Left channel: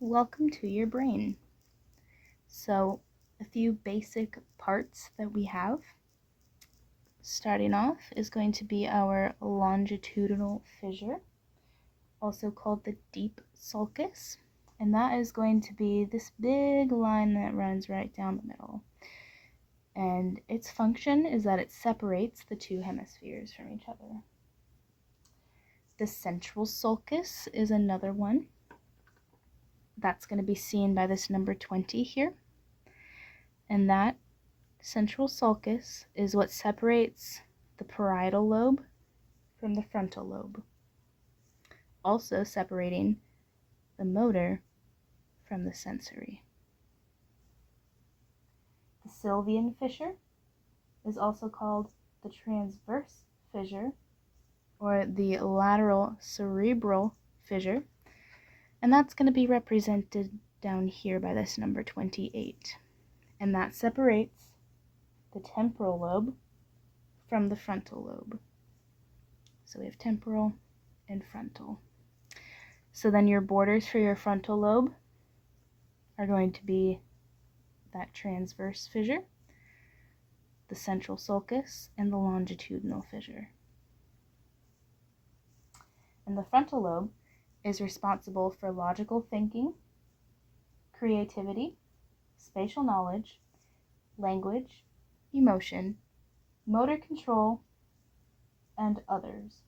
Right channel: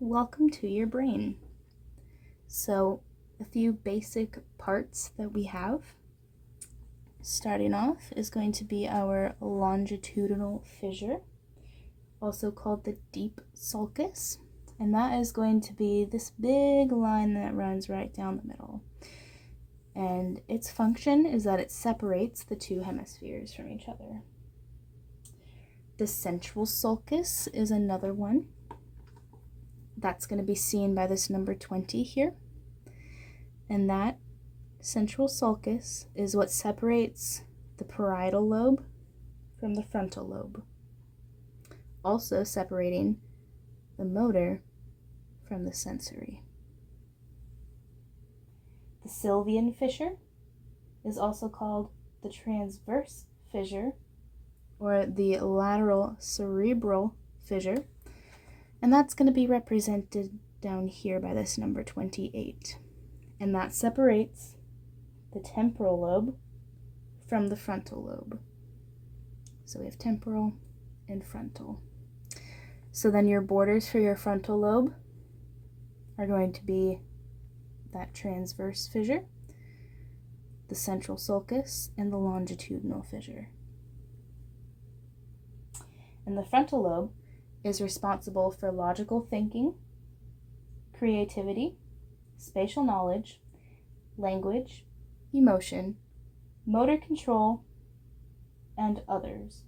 Welcome to your brain. So, a few basic parts that we have. Starting off is going to be our longitudinal fissure, also called the deep sulcus, and that is going to be this big line that runs right down the middle. And its function is that it separates the two hemispheres from each other. The central sulcus is another one. That's going to be seen by this number 20 here. And that central sulcus is what separates the parietal lobe from the frontal lobe, also separating the motor from the sensory. The sylvian fissure is also called the transverse fissure or the lateral cerebral fissure, and that's going to be represented down here by this number 28. And that separates the temporal lobe from the frontal lobe. So we have temporal and frontal. So then your borders for your frontal lobe are going to be that transverse fissure, the central sulcus, and the longitudinal fissure. And the frontal lobe is responsible for logical thinking, creativity, spatial knowledge, language, emotion, motor control, and others.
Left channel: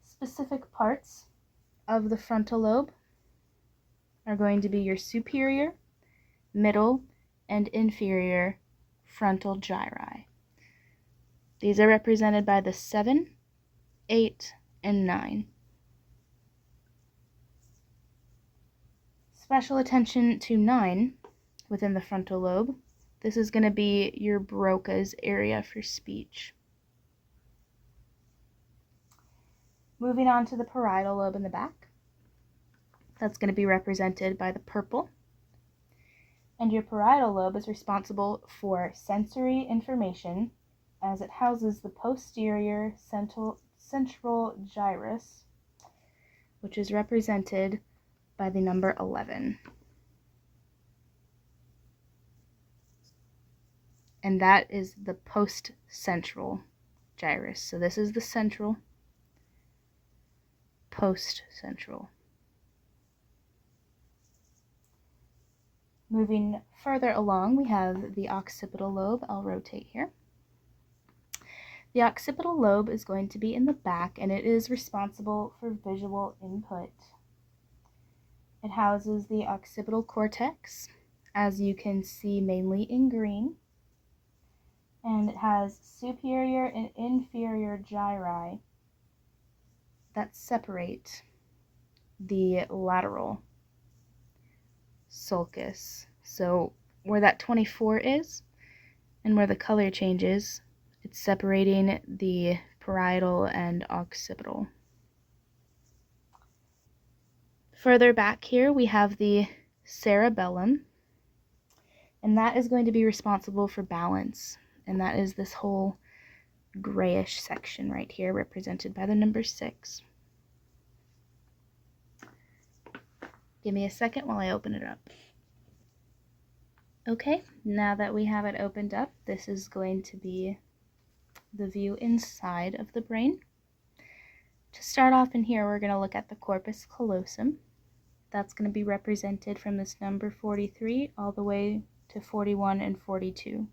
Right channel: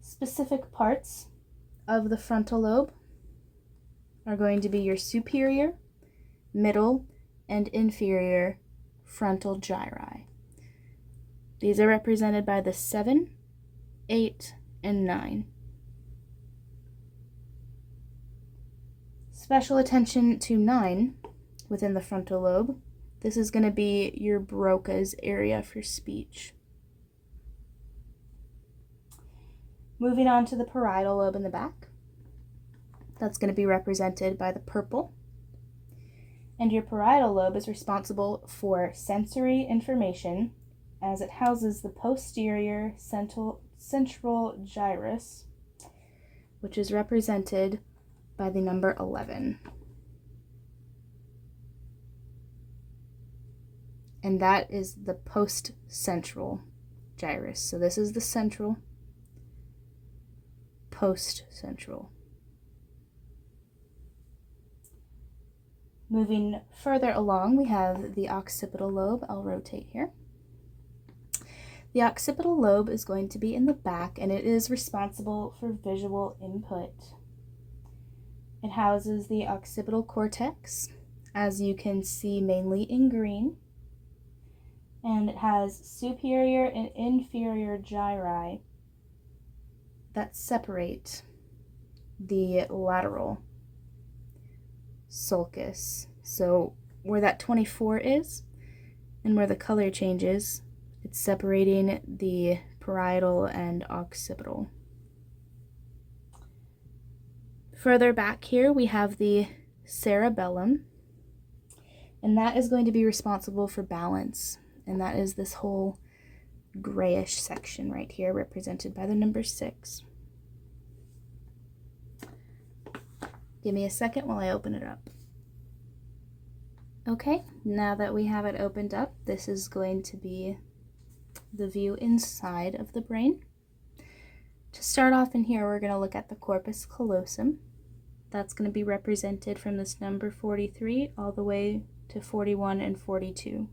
Specific parts of the frontal lobe are going to be your superior, middle, and inferior frontal gyri. These are represented by the 7, 8, and 9. Special attention to 9 within the frontal lobe. This is going to be your Broca's area for speech. Moving on to the parietal lobe in the back. That's going to be represented by the purple. And your parietal lobe is responsible for sensory information as it houses the posterior central gyrus, which is represented by the number 11. And that is the post-central gyrus. So this is the central, post-central. Moving further along, we have the occipital lobe. I'll rotate here. The occipital lobe is going to be in the back, and it is responsible for visual input. It houses the occipital cortex, as you can see mainly in green, and it has superior and inferior gyri that separate the lateral sulcus. So where that 24 is and where the color changes, it's separating the parietal and occipital. Further back here, we have the cerebellum, and that is going to be responsible for balance, and that is this whole grayish section right here, represented by the number 6. Give me a second while I open it up. Okay, now that we have it opened up, this is going to be the view inside of the brain. To start off in here, we're going to look at the corpus callosum. That's going to be represented from this number 43 all the way to 41 and 42.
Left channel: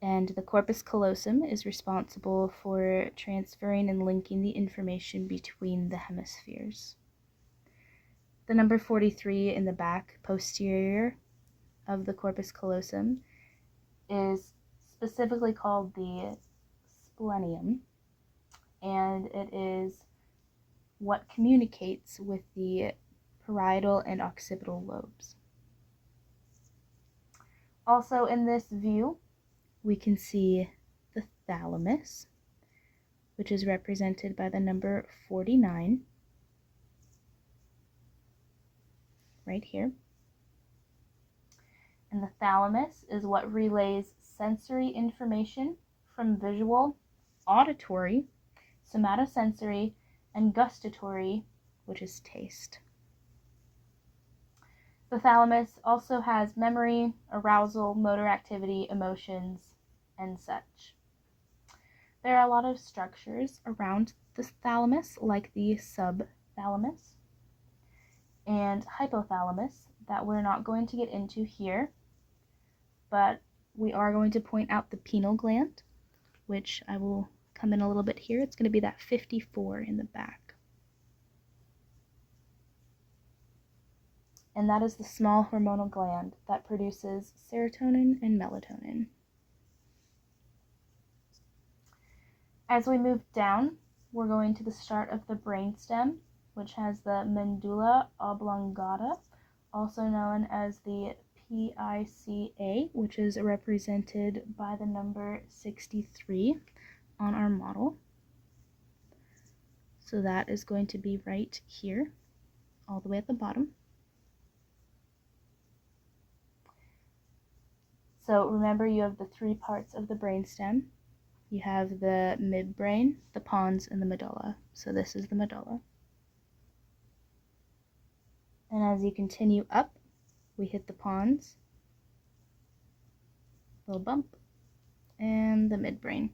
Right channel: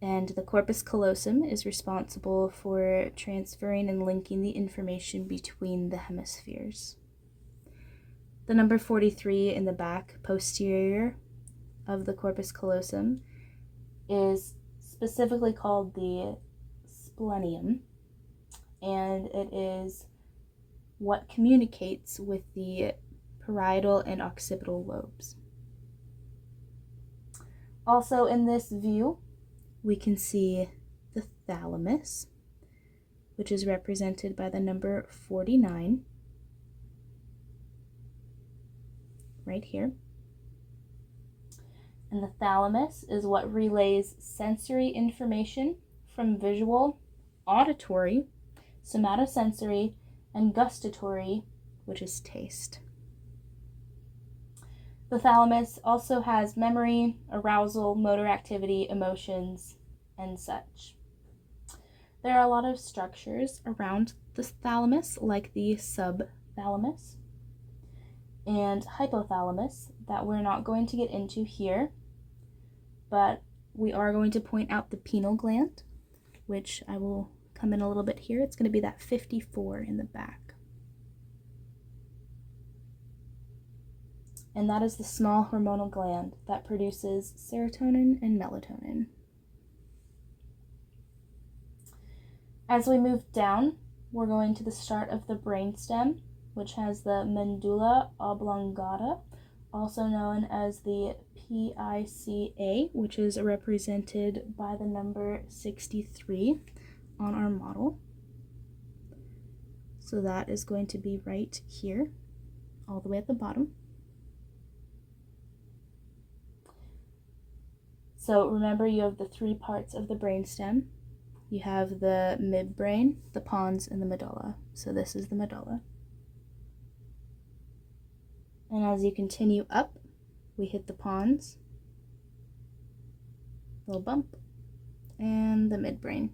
And the corpus callosum is responsible for transferring and linking the information between the hemispheres. The number 43 in the back, posterior of the corpus callosum, is specifically called the splenium, and it is what communicates with the parietal and occipital lobes. Also in this view, we can see the thalamus, which is represented by the number 49 right here. And the thalamus is what relays sensory information from visual, auditory, somatosensory, and gustatory, which is taste. The thalamus also has memory, arousal, motor activity, emotions, and such. There are a lot of structures around the thalamus, like the subthalamus and hypothalamus, that we're not going to get into here, but we are going to point out the pineal gland, which I will come in a little bit here. It's going to be that 54 in the back. And that is the small hormonal gland that produces serotonin and melatonin. As we move down, we're going to the start of the brainstem, which has the medulla oblongata, also known as the PICA, which is represented by the number 63 on our model. So that is going to be right here, all the way at the bottom. So remember, you have the three parts of the brainstem. You have the midbrain, the pons, and the medulla. So this is the medulla. And as you continue up, we hit the pons, little bump, and the midbrain.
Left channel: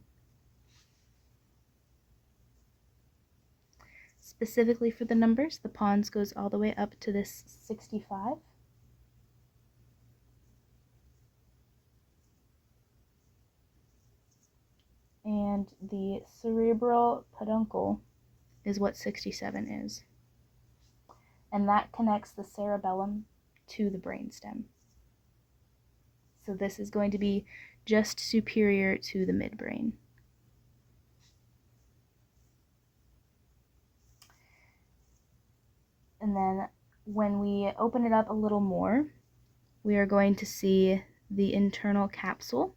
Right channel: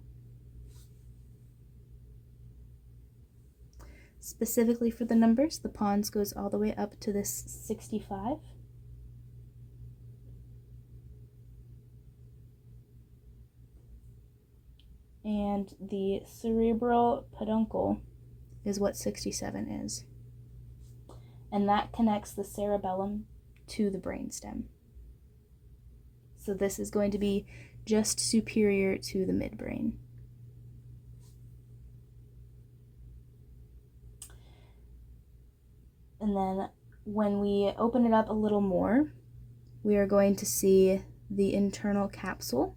Specifically for the numbers, the pons goes all the way up to this 65. And the cerebral peduncle is what 67 is. And that connects the cerebellum to the brainstem. So this is going to be just superior to the midbrain. And then when we open it up a little more, we are going to see the internal capsule,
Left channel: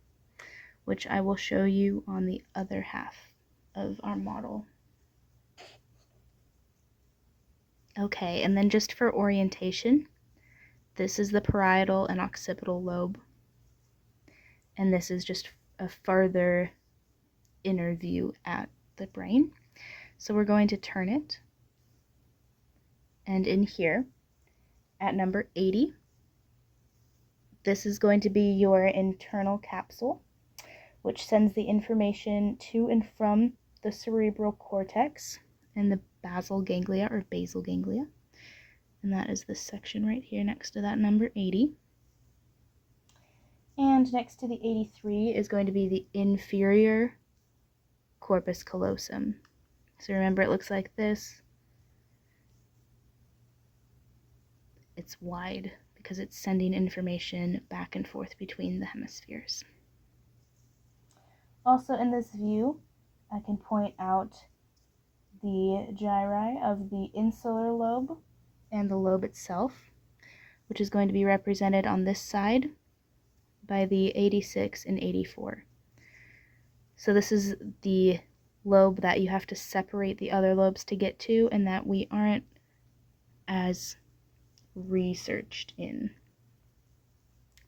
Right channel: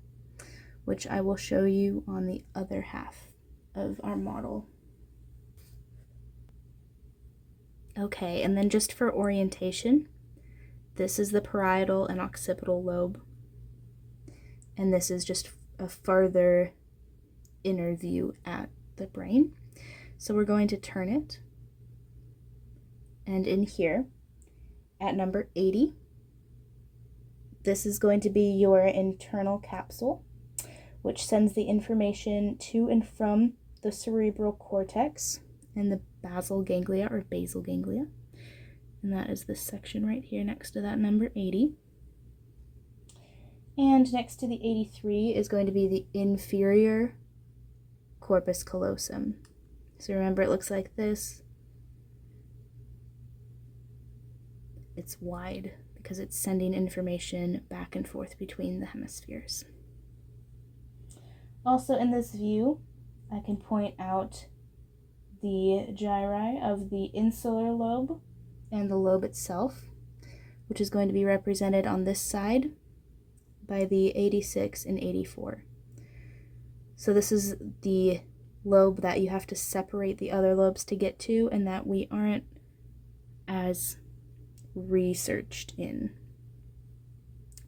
which I will show you on the other half of our model. Okay, and then just for orientation, this is the parietal and occipital lobe, and this is just a further inner view at the brain. So we're going to turn it, and in here at number 80, this is going to be your internal capsule, which sends the information to and from the cerebral cortex and the basal ganglia or basal ganglia. And that is this section right here next to that number 80. And next to the 83 is going to be the inferior corpus callosum. So remember, it looks like this. It's wide because it's sending information back and forth between the hemispheres. Also in this view, I can point out the gyri of the insular lobe and the lobe itself, which is going to be represented on this side by the 86 and 84. So this is the lobe that you have to separate the other lobes to get to, and that we aren't as researched in,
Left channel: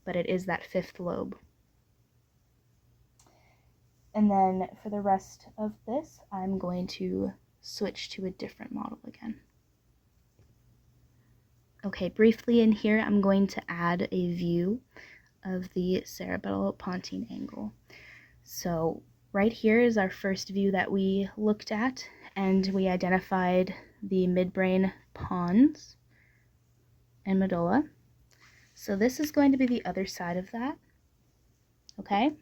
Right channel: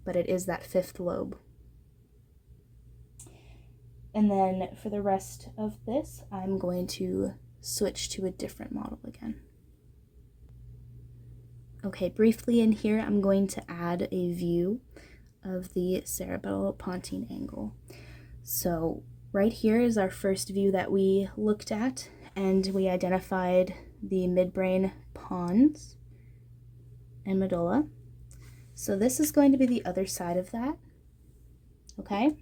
but it is that fifth lobe. And then for the rest of this, I'm going to switch to a different model again. Okay, briefly in here, I'm going to add a view of the cerebellopontine angle. So right here is our first view that we looked at, and we identified the midbrain pons and medulla. So this is going to be the other side of that. Okay,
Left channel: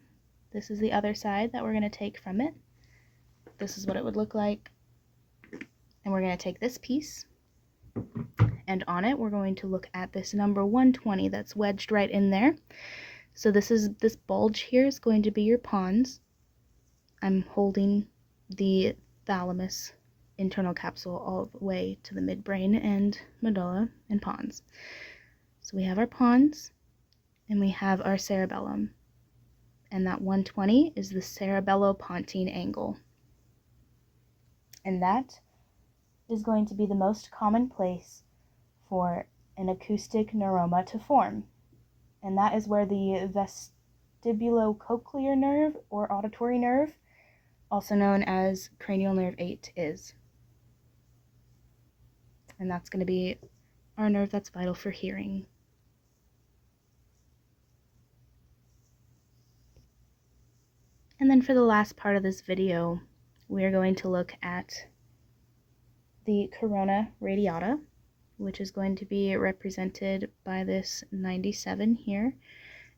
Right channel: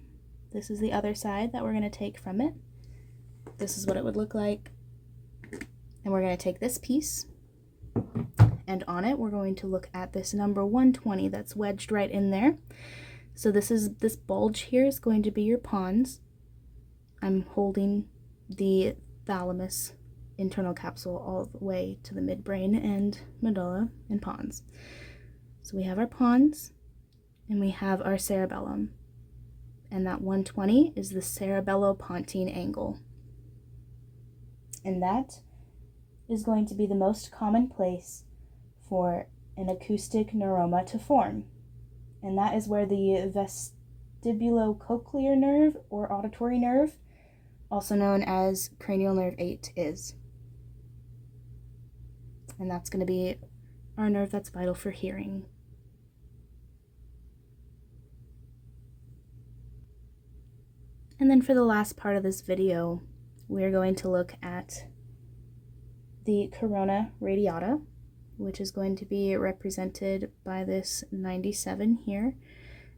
this is the other side that we're going to take from it. This is what it would look like. And we're going to take this piece, and on it we're going to look at this number 120 that's wedged right in there. So this bulge here is going to be your pons. I'm holding the thalamus internal capsule all the way to the midbrain and medulla and pons. So we have our pons and we have our cerebellum, and that 120 is the cerebellopontine angle, and that is going to be the most common place for an acoustic neuroma to form, and that is where the vestibulocochlear nerve or auditory nerve, also known as cranial nerve 8, is. And that's going to be our nerve that's vital for hearing. then for the last part of this video, we're going to look at the corona radiata, which is going to be represented by this 97 here.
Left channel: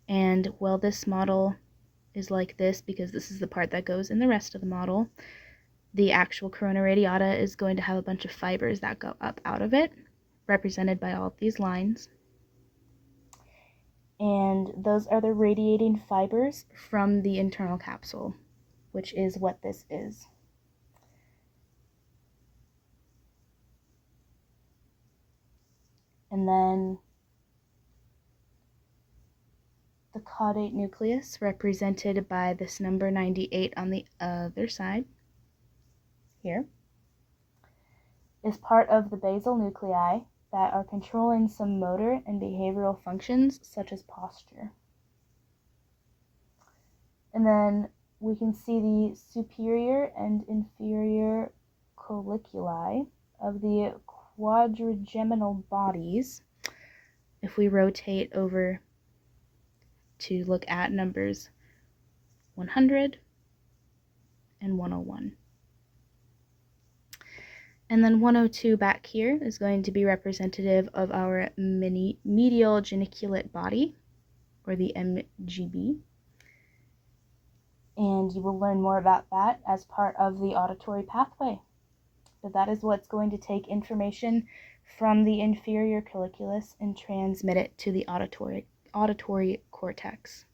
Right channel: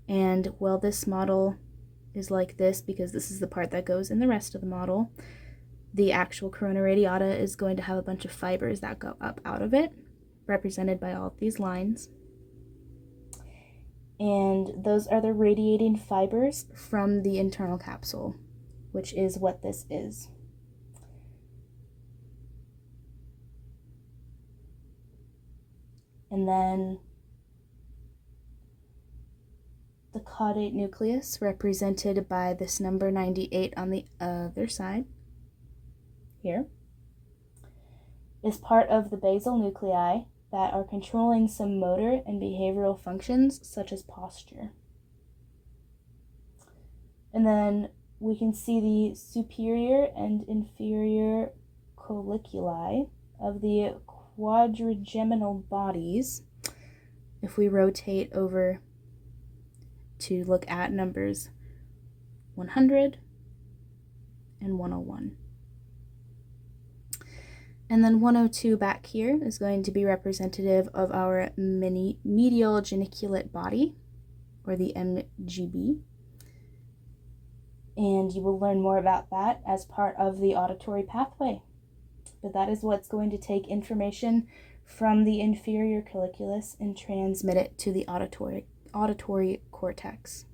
And well, this model is like this because this is the part that goes in the rest of the model. The actual corona radiata is going to have a bunch of fibers that go up out of it, represented by all of these lines. And those are the radiating fibers from the internal capsule, which is what this is. And then the caudate nucleus, represented by this number 98 on the other side here, is part of the basal nuclei that are controlling some motor and behavioral functions such as posture. And then we can see the superior and inferior colliculi of the quadrigeminal bodies if we rotate over to look at numbers 100 and 101. And then 102 back here is going to be representative of our medial geniculate body, or the MGB. And you will learn more about that as part of the auditory pathway. But that is what's going to take information from the inferior colliculus and transmit it to the auditory cortex.